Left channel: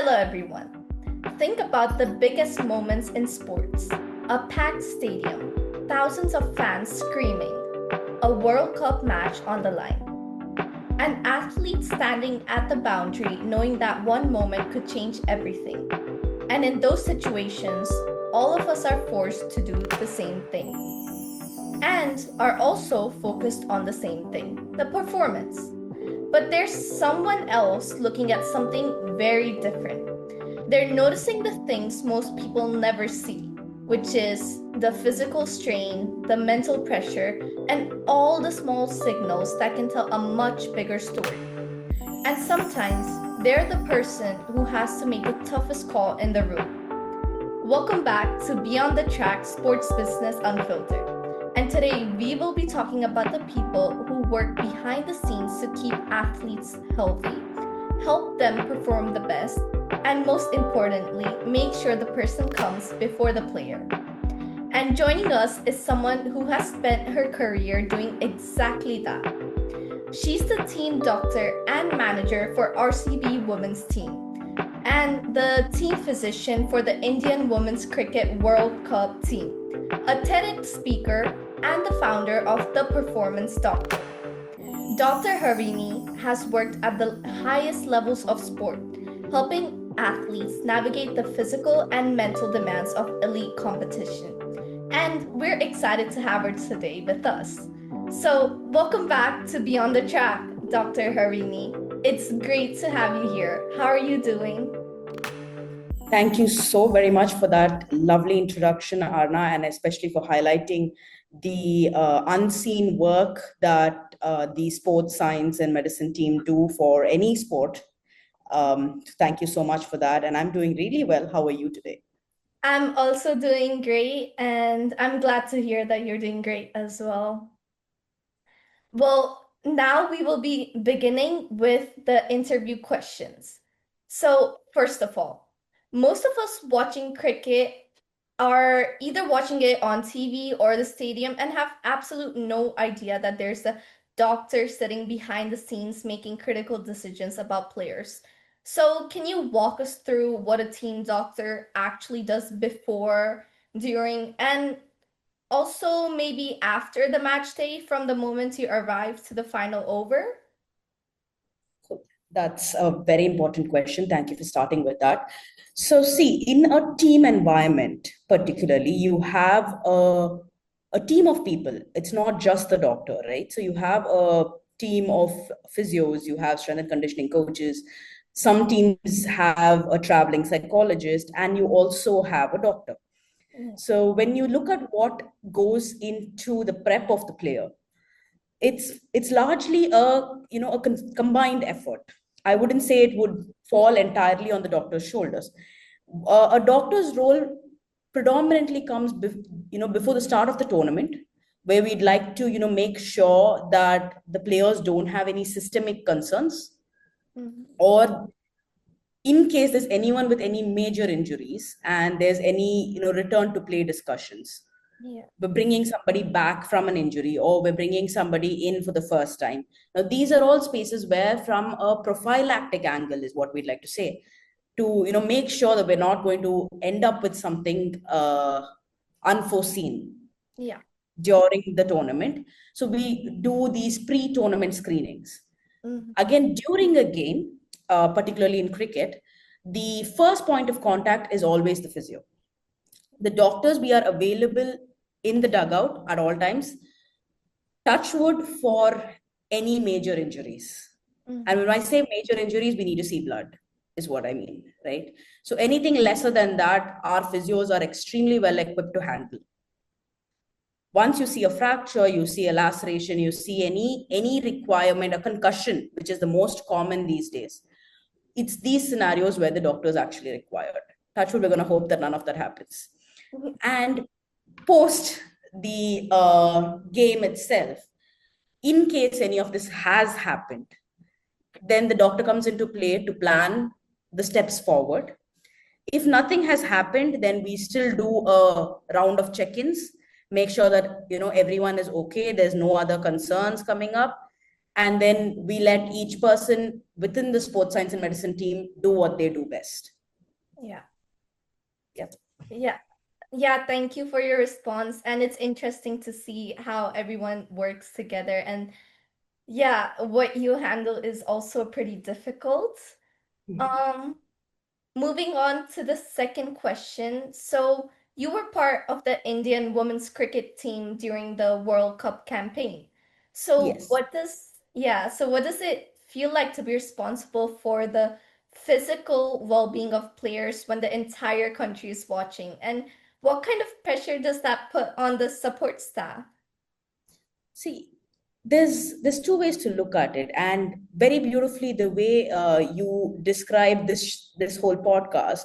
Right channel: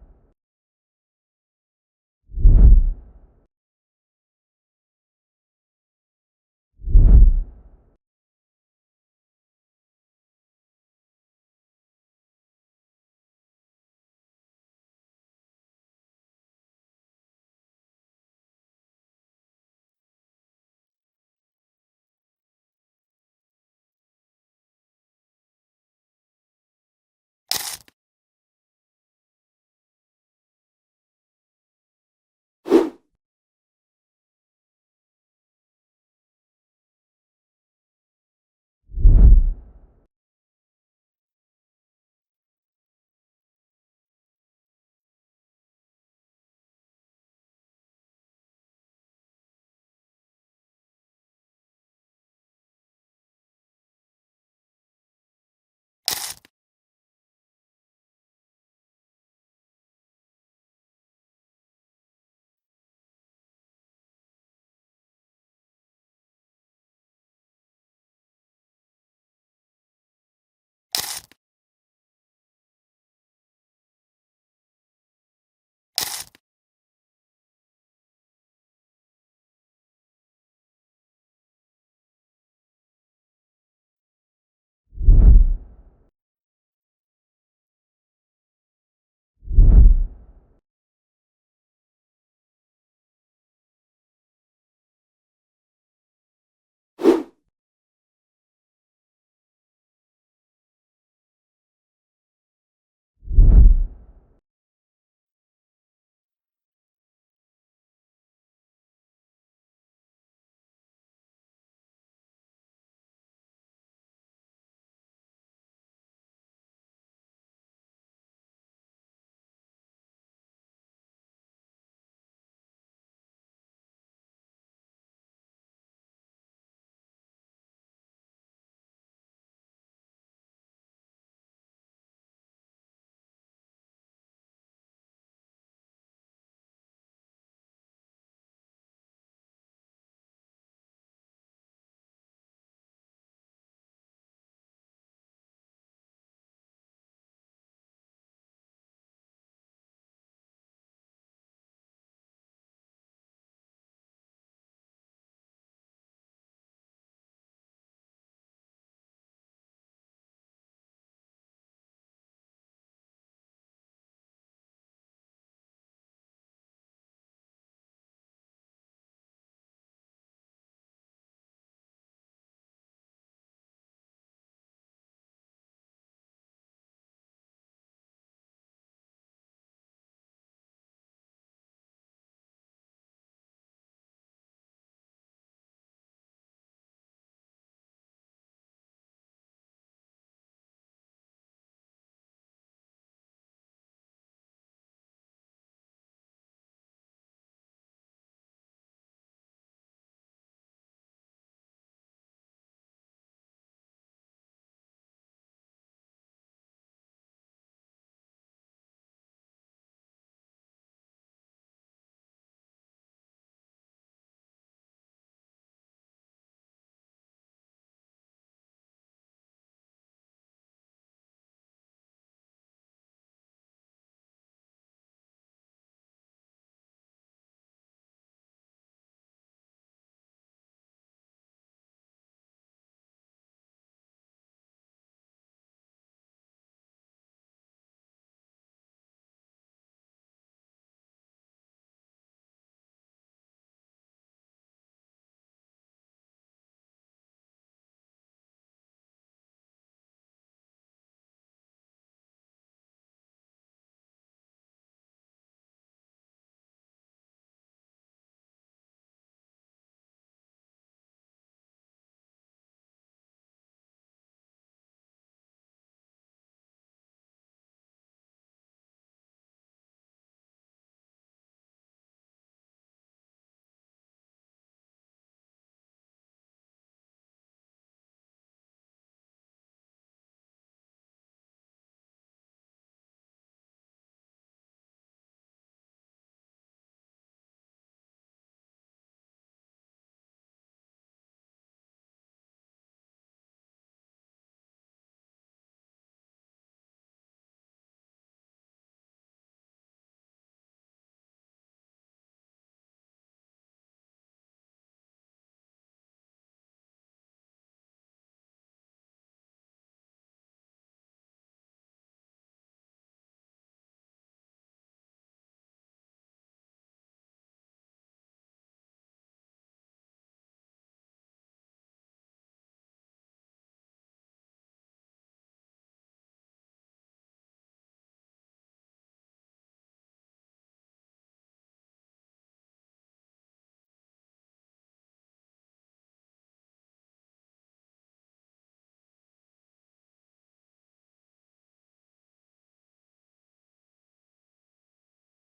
Hello, everyone. Think about the biggest moments in sports: a packed stadium, thousands of fans screaming, a World Cup match on the line, an athlete standing at the boundary knowing that one moment could change everything. And in those situations, all of us are forced to do the same thing and are also focused on the same thing: the performance. But there's someone else looking at something very different. They're noticing the things most people never see, which is the physical strain, the mental pressure, and all the small signals that can tell a much bigger story. And sometimes they're the person who has to make the toughest call in the room. Welcome back to Beyond the Track Sports Business Unfiltered. And today we will be talking about the people who work behind the scenes to keep athletes healthy, help them perform the best, and most importantly, make sure the person comes before the player. And joining us is someone who has spent her career doing exactly that. She's the team doctor and manager for RCB women's team and the team physician for the Indian Women's Cricket World Cup team, a TEDx speaker, and the founder of The Performance Doctor. Dr. Harini has worked at the highest levels of sport, helping athletes navigate the physical and mental demands of elite competition. And we're excited to have her today with us. So, welcome back to Beyond the Track, Dr. Harini. It's great to have you here. How are you doing? Thank you so very much for that lovely introduction, Arna, and especially for highlighting the unseen work that the sports science and medicine team do for any sport. Thank you so much for that. And I'm doing really well. How are you today? I'm also doing great, and I'm glad to hear that you're doing great as well. Well, now we will be beginning with the interview questions. So, first of all, most of us watching cricket are either watching it on TV or the stadium and have absolute no idea that there's a doctor sitting behind the scenes making critical decisions about players. So, can you walk us through what a team doctor actually does before, during, and also maybe after the match day, from the moment you arrive to the final over? That's a very important question. Thank you for starting with that. So, see, in a team environment, particularly, you have a team of people. It's not just the doctor, right? So, you have a team of physios, you have strength and conditioning coaches. Some teams have a traveling psychologist, and you also have a doctor. So, when you look at what goes into the prep of the player, it's largely a combined effort. I wouldn't say it would fall entirely on the doctor's shoulders. A doctor's role predominantly comes before the start of the tournament, where we'd like to make sure that the players don't have any systemic concerns, or in case there's anyone with any major injuries and there's any return to play discussions. Yeah. We're bringing somebody back from an injury, or we're bringing somebody in for the first time. Now, these are all spaces where, from a prophylactic angle, is what we'd like to say, to make sure that we're not going to end up with something unforeseen Yeah. during the tournament. So we do these pre-tournament screenings. Mhm. Again, during a game, particularly in cricket, the first point of contact is always the physio. The doctors, we are available in the dugout at all times, touch wood, for any major injuries. And when I say major injuries, we need to see blood, is what I mean, right? So anything lesser than that, our physios are extremely well equipped to handle. Once you see a fracture, you see a laceration, you see any requirement, a concussion, which is the most common these days, it's these scenarios where the doctor is actually required. Touch wood, we're going to hope that none of that happens. And post the game itself, in case any of this has happened, then the doctor comes into play to plan the steps forward. If nothing has happened, then we still do a round of check-ins, make sure that everyone is okay, there's no other concerns coming up, and then we let each person within the sports science and medicine team do what they do best. Yeah. Yep. Yeah. Yeah, thank you for your response. And it's interesting to see how everyone works together. And yeah, what you handle is also pretty difficult. Um, Moving on to the second question. So, you were part of the Indian women's cricket team during the World Cup campaign. Yes. So what does it feel like to be responsible for the physical well-being of players when the entire country is watching? And what kind of pressure does that put on the support staff? See, there's two ways to look at it, and very beautifully the way you describe this whole podcast,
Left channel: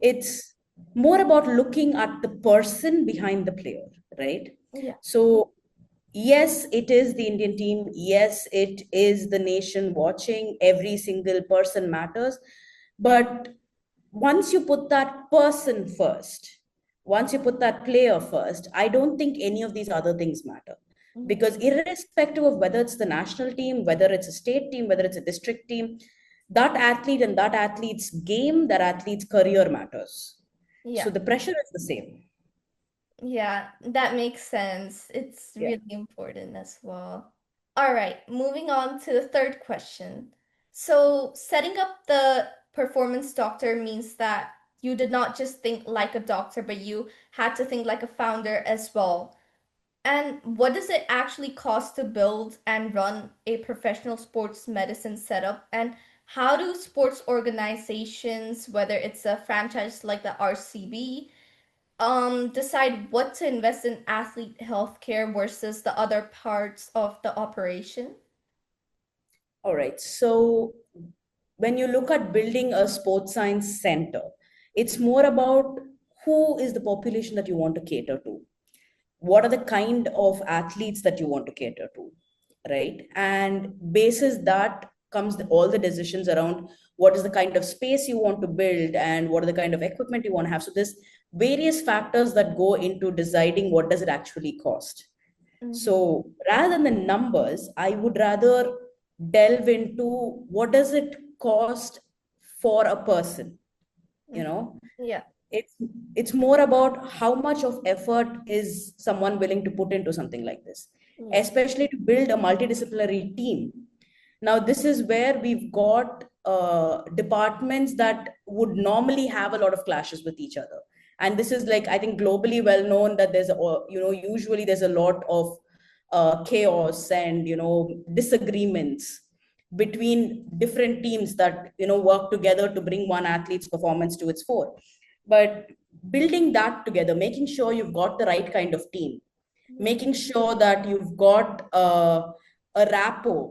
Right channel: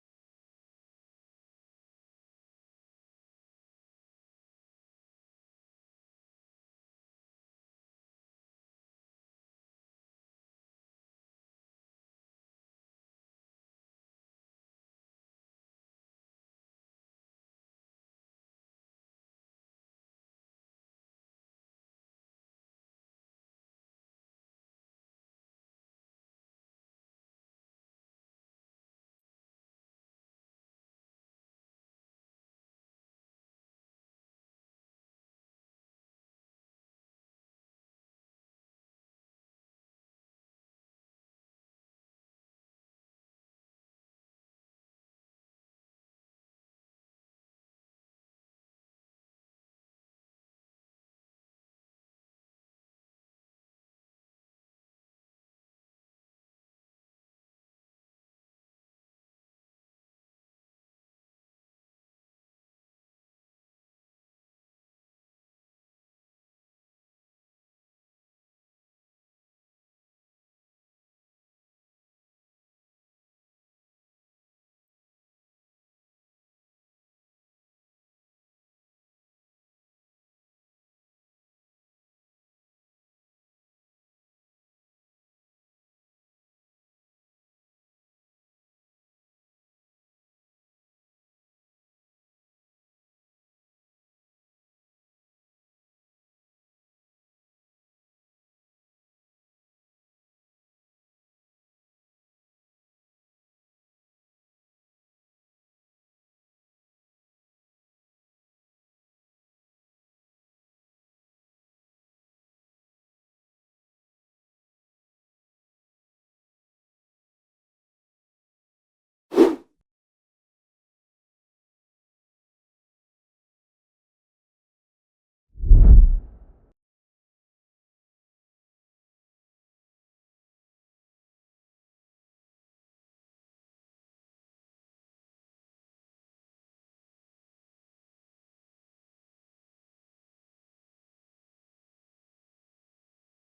it's more about looking at the person behind the player, right? Yeah. So yes, it is the Indian team. Yes, it is the nation watching. Every single person matters. But once you put that person first, once you put that player first, I don't think any of these other things matter. Mhm. Because irrespective of whether it's the national team, whether it's a state team, whether it's a district team, that athlete and that athlete's game, that athlete's career matters. Yeah. So the pressure is the same. Yeah, that makes sense. It's Yeah. really important as well. All right, moving on to the third question. So, setting up the performance doctor means that you did not just think like a doctor, but you had to think like a founder as well. And what does it actually cost to build and run a professional sports medicine setup? And how do sports organizations, whether it's a franchise like the RCB, decide what to invest in athlete healthcare versus the other parts of the operation? All right. So when you look at building a sports science center, it's more about who is the population that you want to cater to. What are the kind of athletes that you want to cater to, right? And basis that comes all the decisions around what is the kind of space you want to build and what are the kind of equipment you want to have. So there's various factors that go into deciding what does it actually cost. Mm-hmm. So rather than the numbers, I would rather delve into what does it cost for a person, you Mm-hmm. know? Yeah. it's it's more about how much of effort is someone willing to put into something like this, Yeah. especially to build a multidisciplinary team. Now this is where we've got departments that would normally have a lot of clashes with each other, and this is like I think globally well known that there's usually there's a lot of chaos and disagreements between different teams that work together to bring one athlete's performance to its fore. But building that together, making sure you've got the right kind of team, making sure that you've got a rapport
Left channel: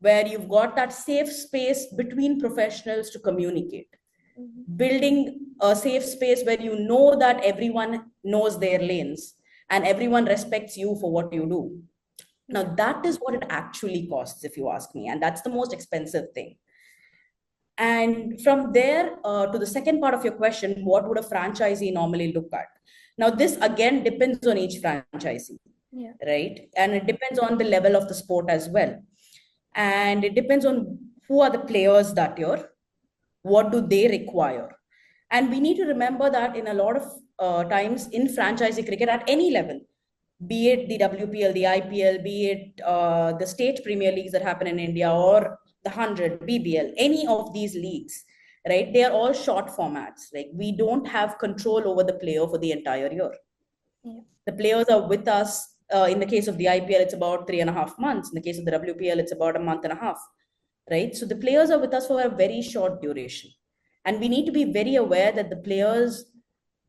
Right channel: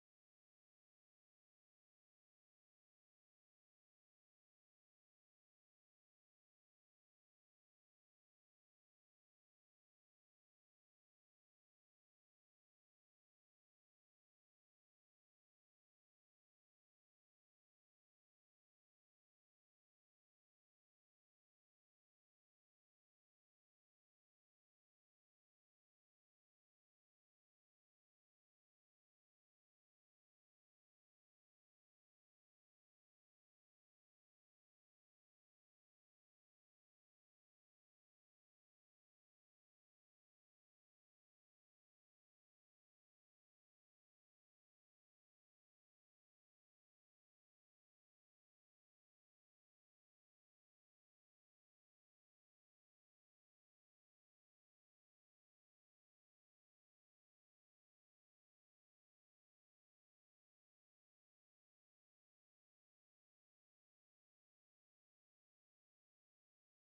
where you've got that safe space between professionals to communicate, Mm-hmm. building a safe space where you know that everyone knows their lanes and everyone respects you for what you do. Now Yeah. that is what it actually costs, if you ask me, and that's the most expensive thing. And from there, to the second part of your question, what would a franchisee normally look at? Now, this again depends on each franchisee, Yeah. right? And it depends on the level of the sport as well. And it depends on who are the players that you're, what do they require. And we need to remember that in a lot of times in franchisee cricket at any level, be it the WPL, the IPL, be it the state premier leagues that happen in India, or the 100, BBL, any of these leagues, right? They are all short formats. Like we don't have control over the player for the entire year. Yeah. The players are with us. In the case of the IPL, it's about 3.5 months. In the case of the WPL, it's about a month and a half, right? So the players are with us for a very short duration. And we need to be very aware that the players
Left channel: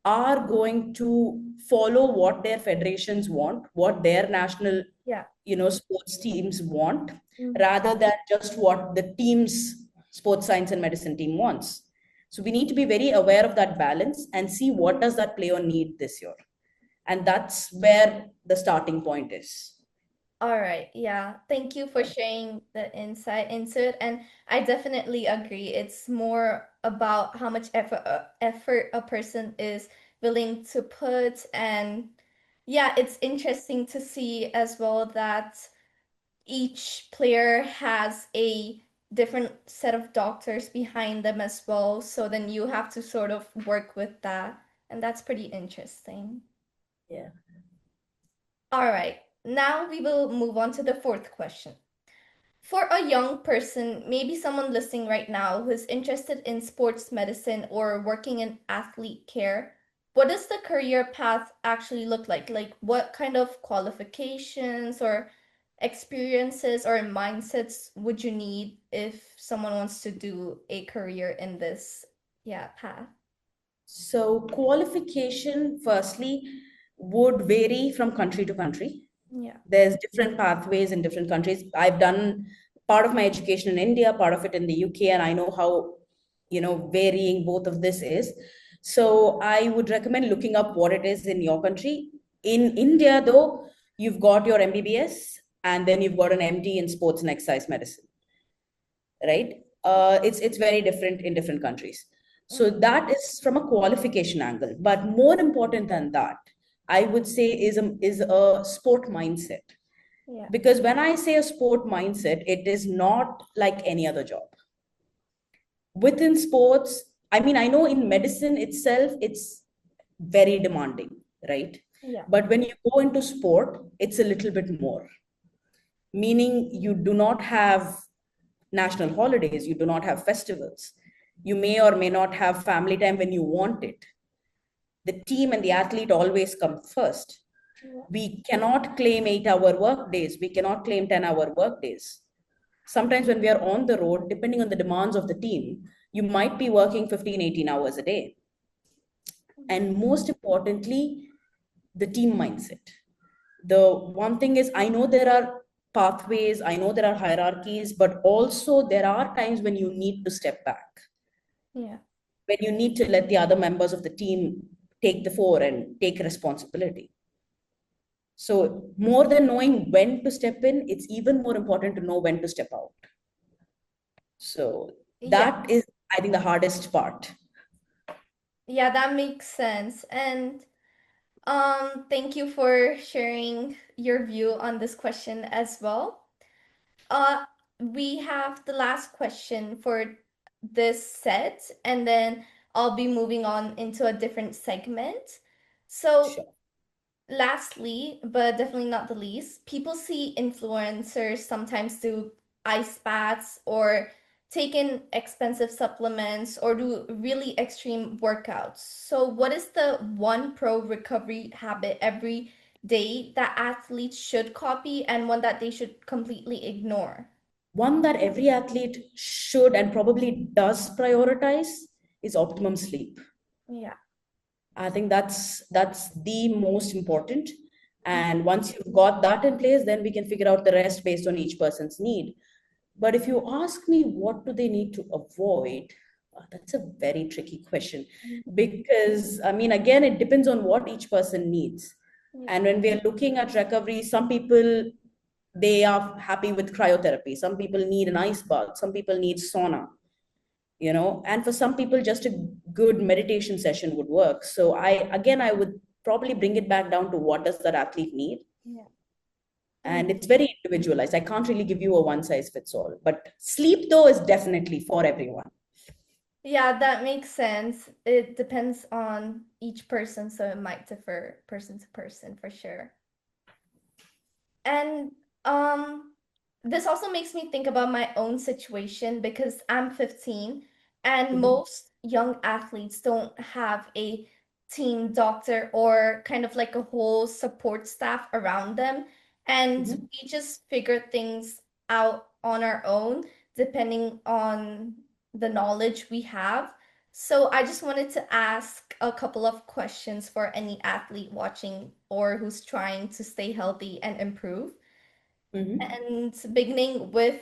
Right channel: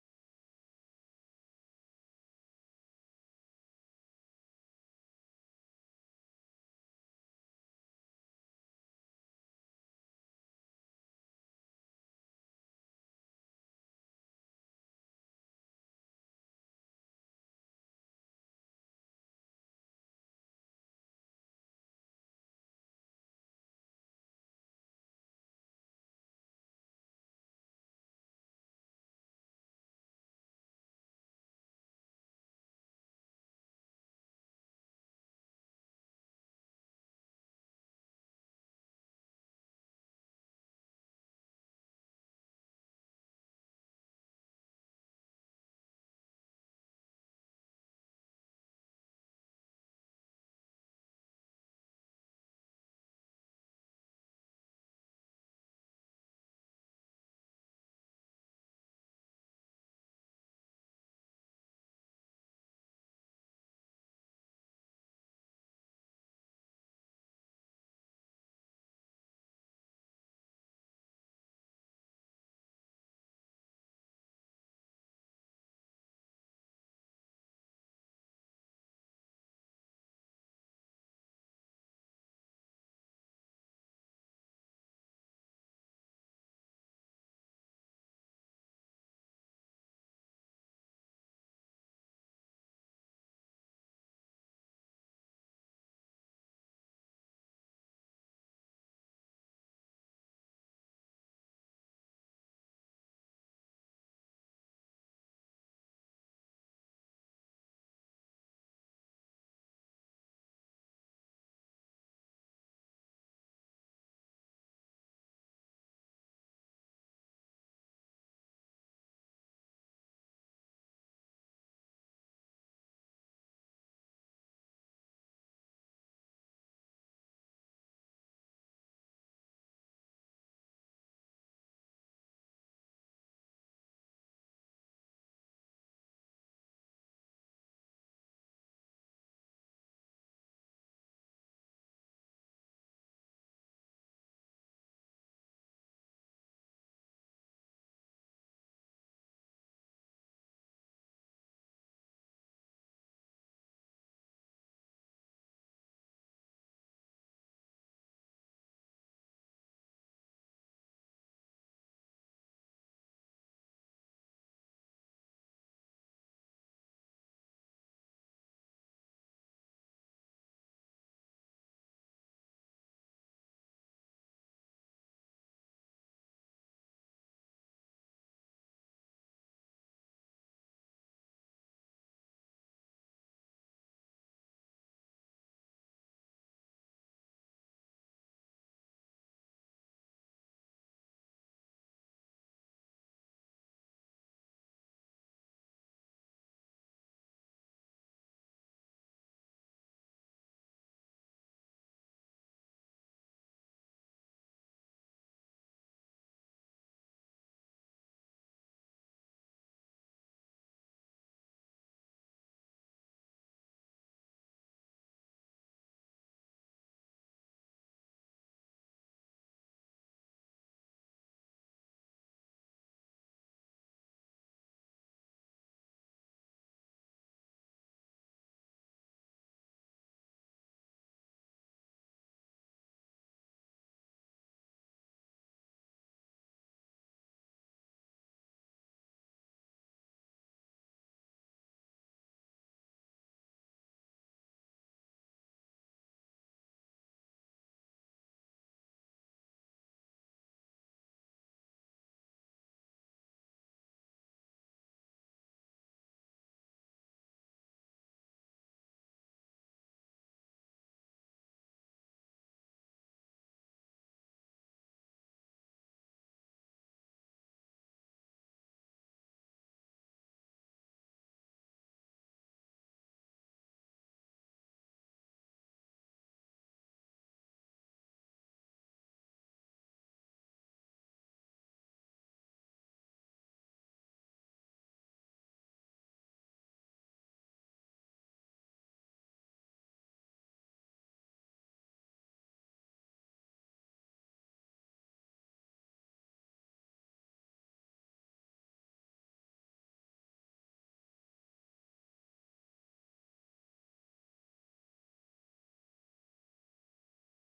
are going to follow what their federations want, what their national, Yeah. sports teams want, Mm-hmm. rather than just what the team's sports science and medicine team wants. So we need to be very aware of that balance and see what does that player need this year. And that's where the starting point is. All right. Yeah. Thank you for Yeah. sharing the insight into it. And I definitely agree. It's more about how much effort a person is willing to put. And yeah, it's interesting to see as well that each player has a different set of doctors behind them as well. So then you have to sort of work with that. And that's pretty interesting. Yeah. All right, now we will move on to the fourth question. For a young person, maybe someone listening right now who's interested in sports medicine or working in athlete care, what does the career path actually look like? Like, what kind of qualifications or experiences or mindsets would you need if someone wants to do a career in this, yeah, path? So qualification, firstly, would vary from country to country. Yeah, There's different pathways in different countries. I've done part of my education in India, part of it in the UK, and I know how, varying both of this is. So I would recommend looking up what it is in your country. In India, though, you've got your MBBS and then you've got an MD in sports and exercise medicine, right? It's very different in different countries. So mm, that is from a qualification angle. But more important than that, I would say is a sport mindset. yeah, Because when I say a sport mindset, it is not like any other job. Within sports, I mean, I know in medicine itself, it's very demanding, right? yeah, But when you go into sport, it's a little bit more, meaning you do not have national holidays, you do not have festivals, you may or may not have family time when you want it. The team and the athlete always come first. yeah, We cannot claim 8-hour work days, we cannot claim 10-hour work days. Sometimes when we are on the road, depending on the demands of the team, you might be working 15, 18 hours a day. And most importantly, the team mindset. The one thing is, I know there are pathways, I know there are hierarchies, but also there are times when you need to step back, yeah, when you need to let the other members of the team take the fore and take responsibility. So more than knowing when to step in, it's even more important to know when to step out. So yeah. that is, I think, the hardest part. Yeah, that makes sense. And thank you for sharing your view on this question as well. Uh, we have the last question for this set, and then I'll be moving on into a different segment. So, Sure. lastly, but definitely not the least, people see influencers sometimes do ice baths or take in expensive supplements or do really extreme workouts. So, what is the one pro recovery habit every day that athletes should copy and one that they should completely ignore? One that every athlete should and probably does prioritize is optimum sleep. Yeah. I think that's the most important. And once you've got that in place, then we can figure out the rest based on each person's need. But if you ask me what do they need to avoid, that's a very tricky question. Because I mean, again, it depends on what each person needs. Yeah. And when we are looking at recovery, some people, they are happy with cryotherapy. Some people need an ice bath. Some people need sauna, and for some people just a good meditation session would work. So I would probably bring it back down to what does that athlete need, Yeah. Mm. and it's very individualized. I can't really give you a one size fits all, but sleep though is definitely for everyone. Yeah, that makes sense. It depends on each person, so it might differ person to person for sure. And um this also makes me think about my own situation because I'm 15 and Mhm, most young athletes don't have a team doctor or kind of like a whole support staff around them. And mhm. we just figure things out on our own depending on the knowledge we have. So I just wanted to ask a couple of questions for any athlete watching or who's trying to stay healthy and improve. Mhm. And beginning with,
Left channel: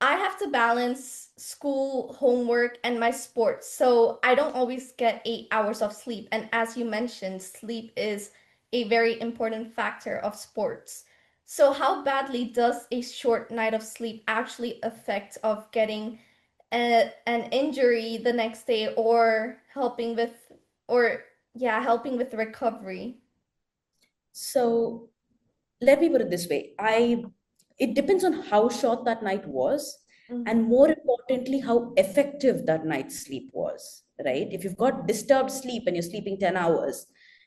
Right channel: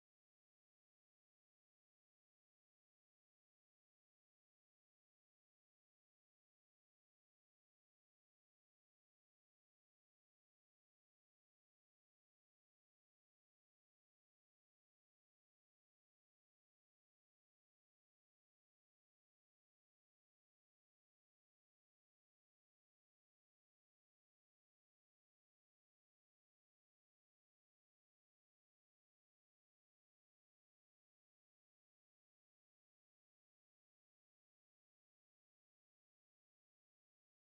I have to balance school, homework, and my sports. So I don't always get 8 hours of sleep. And as you mentioned, sleep is a very important factor of sports. So how badly does a short night of sleep actually affect of getting an injury the next day or or helping with recovery? So let me put it this way. it depends on how short that night was, Mm-hmm. and more importantly, how effective that night's sleep was, right? If you've got disturbed sleep and you're sleeping 10 hours,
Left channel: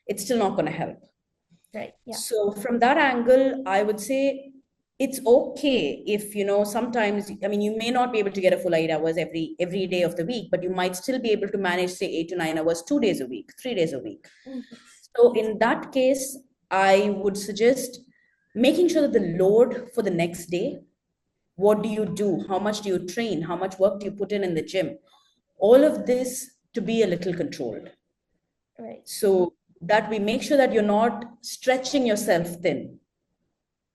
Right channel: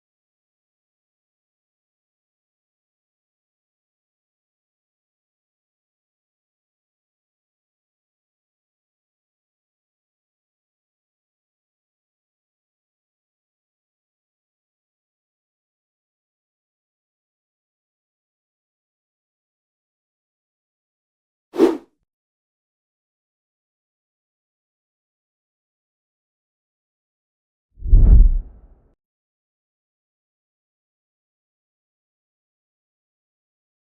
it's still not going to help. Right. Yeah. So from that angle, I would say it's okay if, sometimes, I mean, you may not be able to get a full 8 hours every day of the week, but you might still be able to manage, say, 8 to 9 hours, 2 days a week, 3 days a week. Mm-hmm. So in that case, I would suggest making sure that the load for the next day, what do you do? How much do you train? How much work do you put in the gym? All of this to be a little controlled. Right. So that we make sure that you're not stretching yourself thin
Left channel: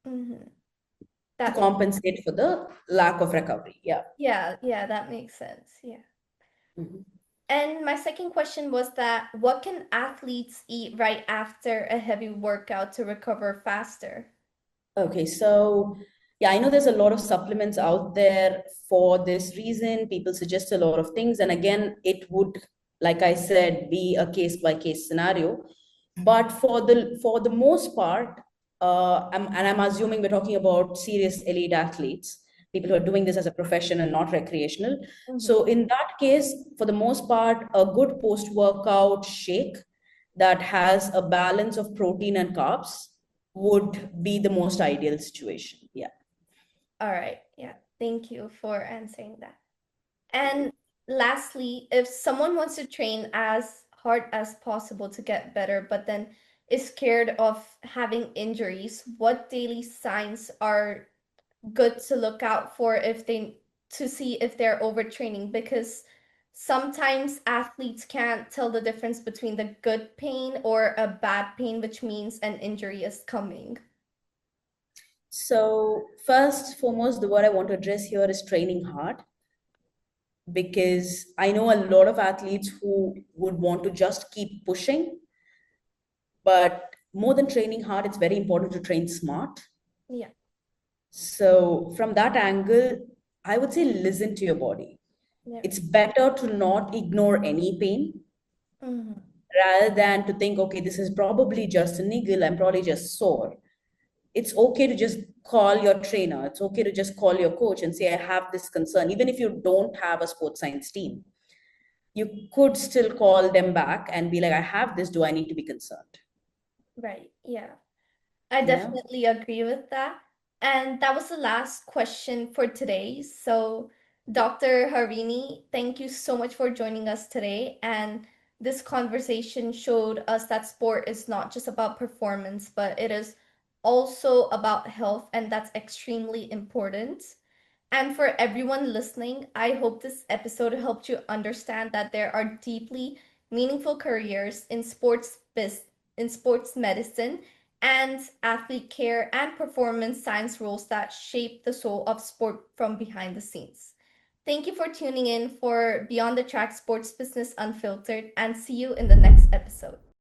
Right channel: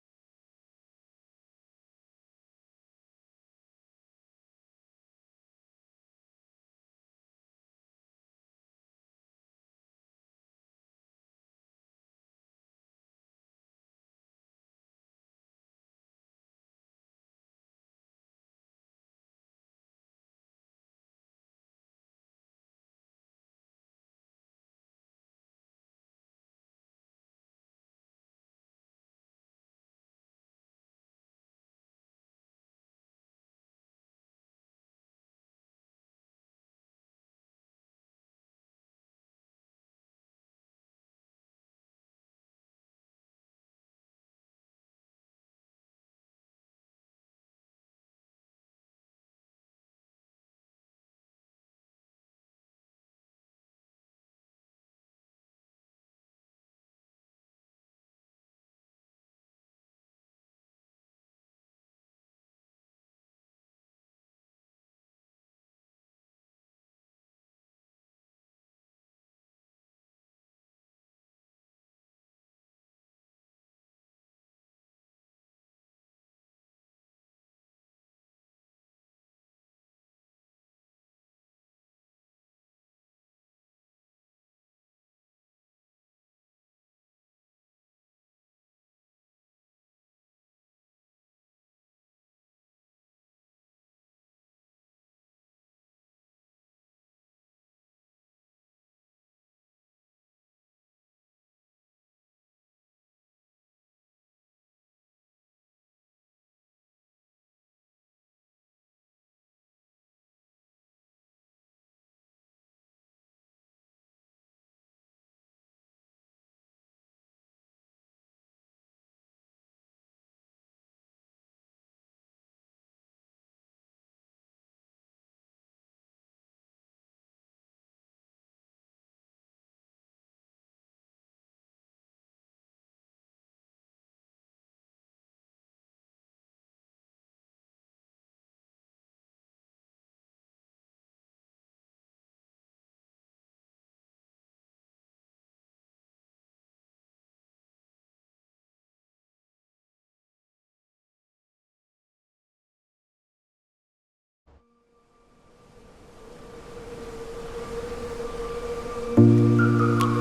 Mm-hmm. to That makes compensate for the lack of recovery. Yeah. Yeah, yeah, that makes sense. Yeah. Mhm. And my second question was that what can athletes eat right after a heavy workout to recover faster? Okay, so yeah, I know there's a lot of supplements out there for this reason. People suggest a lot of things, and again, it would, like I said, be a case by case scenario. But for the most part, and I'm assuming we're talking about serious elite athletes, people who are doing this as a profession and not recreational. Mm-hmm. So in that case, for the most part, a good post-workout shake that has a balance of protein and carbs would be the most ideal situation. Yeah. All right. Yeah. Thank you for answering that. And lastly, if someone wants to train as hard as possible to get better, but then is scared of having injuries, what daily signs are good to look out for if they to see if they're overtraining? Because sometimes athletes can't tell the difference between the good pain or a bad pain, which means an injury is coming. So first, foremost, the word I want to address here is training hard, because I know a lot of athletes who would want to just keep pushing, but more than training hard, it's very important to train smart. Yeah. So from that angle, I would say listen to your body. Yeah. It's better to not ignore any pain Mm-hmm. rather than to think, okay, this is probably just a niggle, I'm probably just sore. It's okay to just call your trainer. It's okay to just call your coach and say, I have this concern. Even if you don't have a sports science team, you could still call them back and be like, I have this. Do I need to be concerned? Right. Yeah. I Yeah. definitely agree with that. And that was the last question for today. So, Dr. Harini, thank you so much for joining us today. And this conversation showed us that sport is not just about performance, but it is also about health, and that's extremely important. And for everyone listening, I hope this episode helped you understand that there are deeply meaningful careers in in sports medicine and athlete care and performance science roles that shape the soul of sport from behind the scenes. Thank you for tuning in for Beyond the Track Sports Business Unfiltered, and see you in the next episode.